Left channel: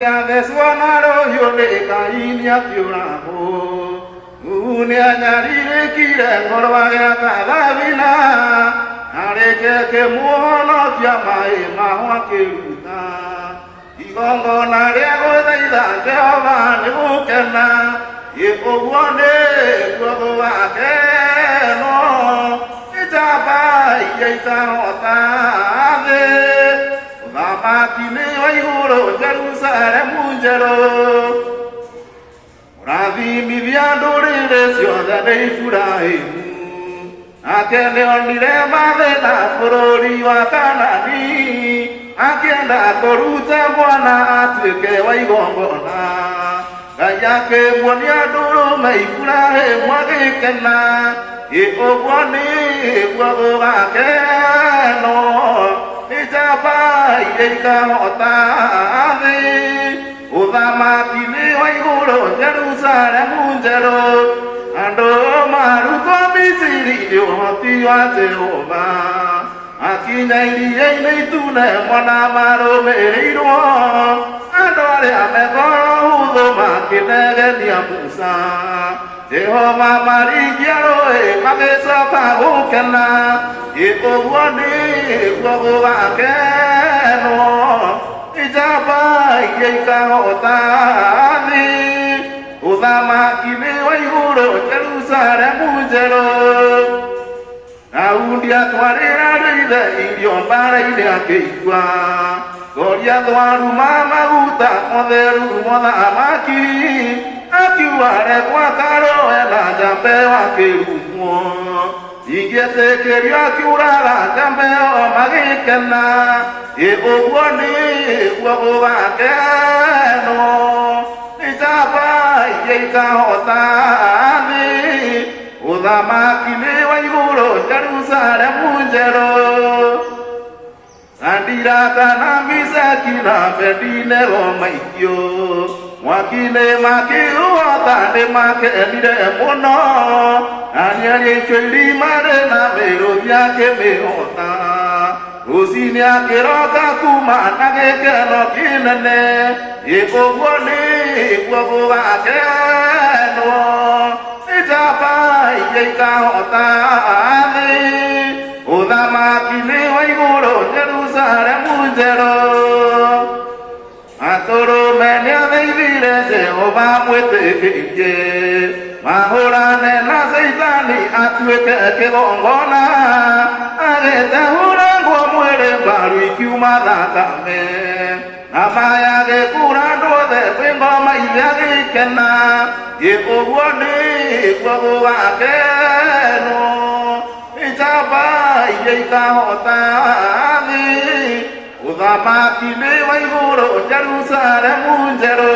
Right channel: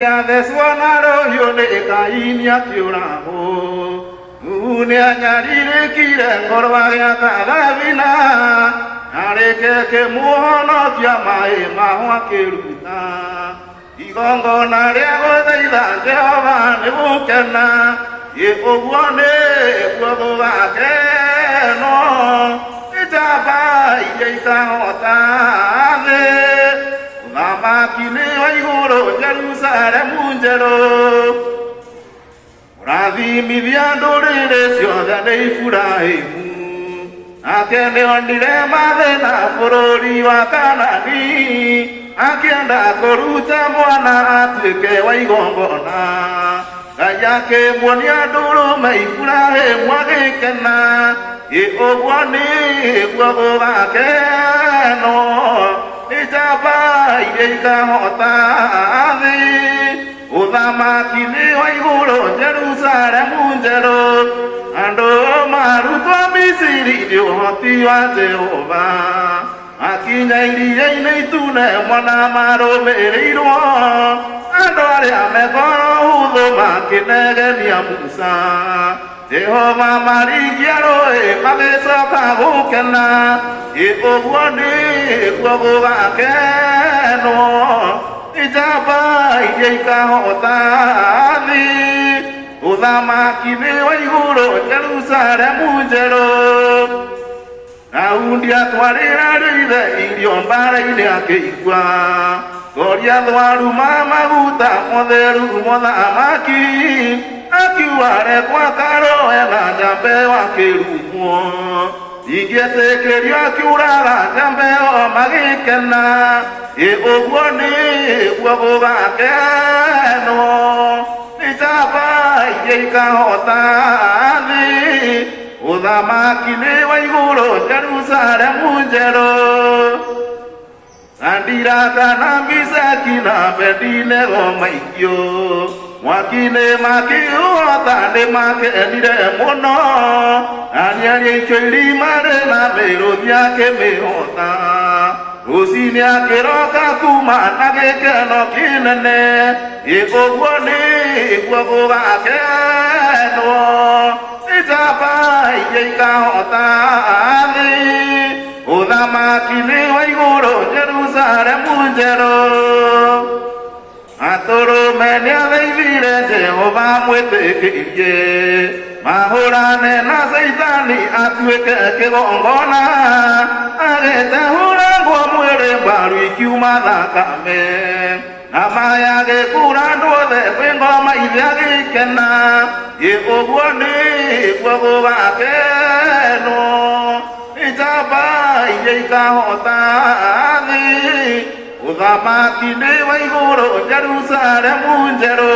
Ya deswanaro yole kainya kiuramo unia nyari kire ngorwaya kalavina areke muhono kiamai mahwa kiruta igongo narego daida jehova nebukena ye obwane gwogo akeno itaba yeita otave Mama kine waiguro Jerusalem unjero Ravi miviando resio da dei furahimu Akende ondire mavena forori wakanani Akenda koruta mwana atike waigongona Kayake mwonia duro meifurahe mwagekena Ye obwane gwago akeno Ijaba yeika hotave Udama kine waiguro Jerusalem unjero Ando maruto misiri hoti wa Jehova Akinya iliye neitune mwana maro meiro Ando ale amegoro udoma kinege niya Musa Jehova marigiaro magesa pagukena Iogwani gwogo akeno Ijaba yeika hotani Udama kine waiguro Jerusalem unjero Naundia twarira reide iriomara ile akeigwa Goria dwaru mama guta motheru motha amaki Akiware kwa karo ena jambe wakiruguo Ingietekerio akiuraga jambe o magikena Ye ogwoni gwogo gakeno Ijaba yeika hotani Udhamaki ni waiguro Jerusalem unjero Sandira kana misaki na bedine romaikyo Wakine makio atande make enire mono Anyanye chweli mare na mero nyake mehota Rosini akeroka kuma nagekeno kinene Yegogwani gwogo akeno Ijaba yeika hotani Udama kine waiguro Jerusalem unjero Atoro menia veivire Jehova mwete Mahorane na seitani atweke kegongona Agete hurangwa mwere mbaru ikiuma dhakame Namaya gekurando de kwengoma ivyagi kena Ye ogwani gwogo akeno Ijaba yeika hotani Udama kine waiguro Jerusalem unjero